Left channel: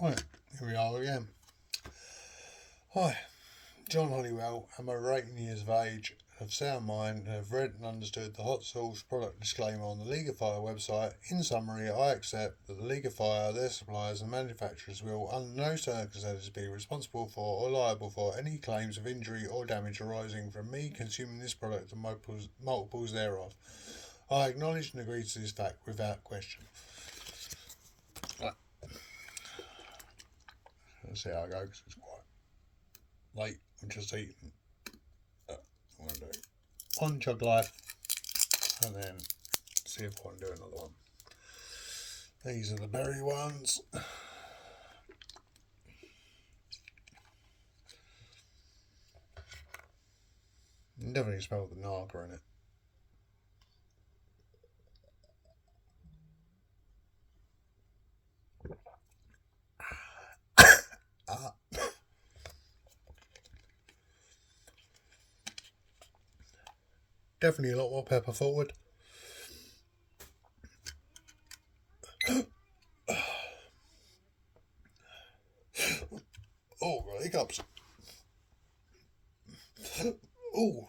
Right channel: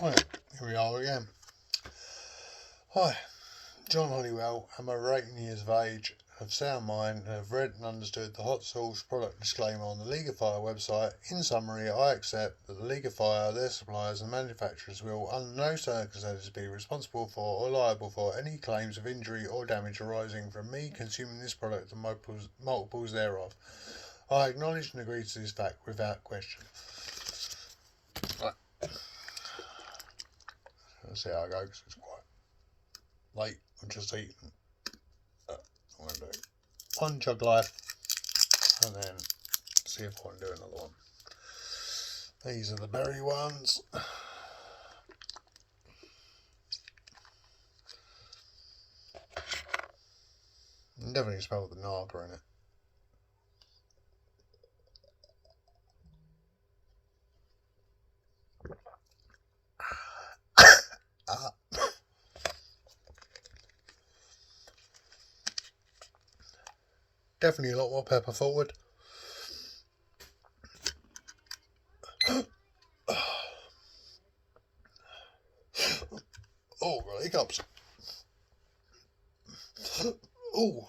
Right, here we are again. Hi, John Hollywell. I'm over 18 years of age, of sound mind, and have read and understood the hot sauce product disclaimer on the League of Fire website. In summary, I accept that the League of Fire, their suppliers and manufacturers will under no circumstances be responsible for or liable for any claims of injury or damage arising from me consuming this product and multiples thereof. I acknowledge and agree to this fact without question. Right. Let's see how I go, because it's quite late. I'm just eating. I'm going to do one jug life and then see if I can do another one. These are the berry ones. You can definitely smell the naga in it. Definitely a lot more pepper forward. Oh, got hiccups. Oh.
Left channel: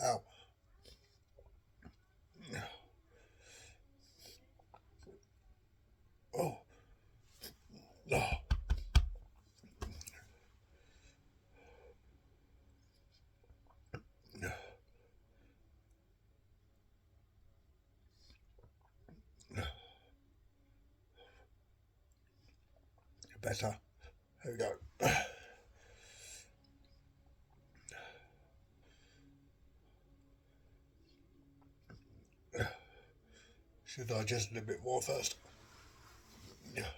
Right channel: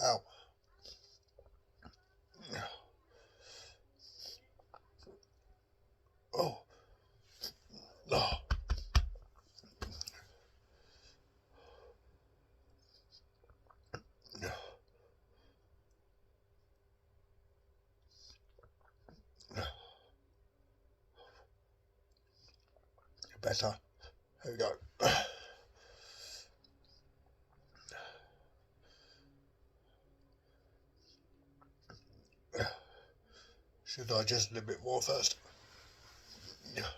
Ow. Oh. Oh. Better. Here we go. Should digest it a bit more first. Oh.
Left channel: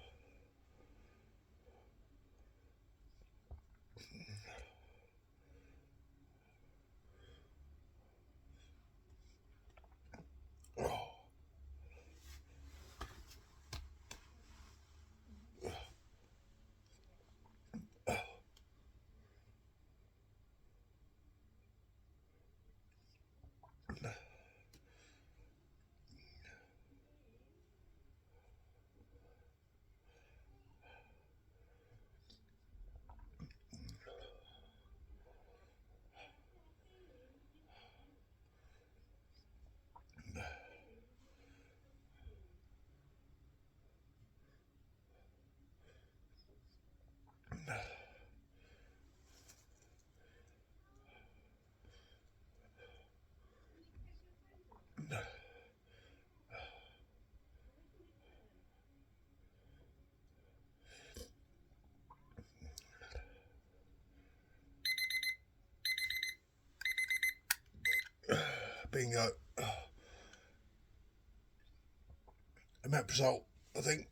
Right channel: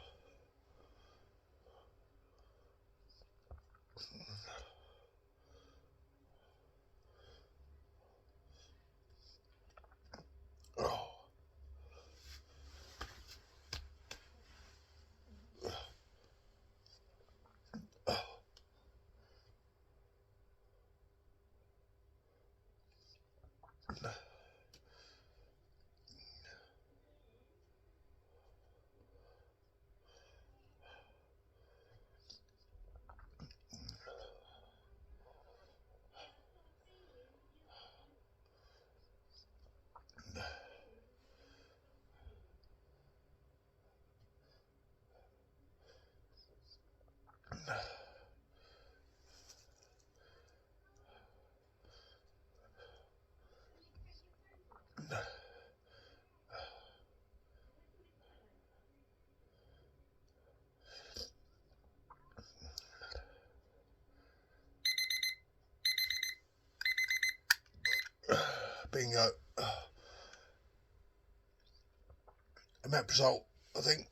Bingo. A map result, I think.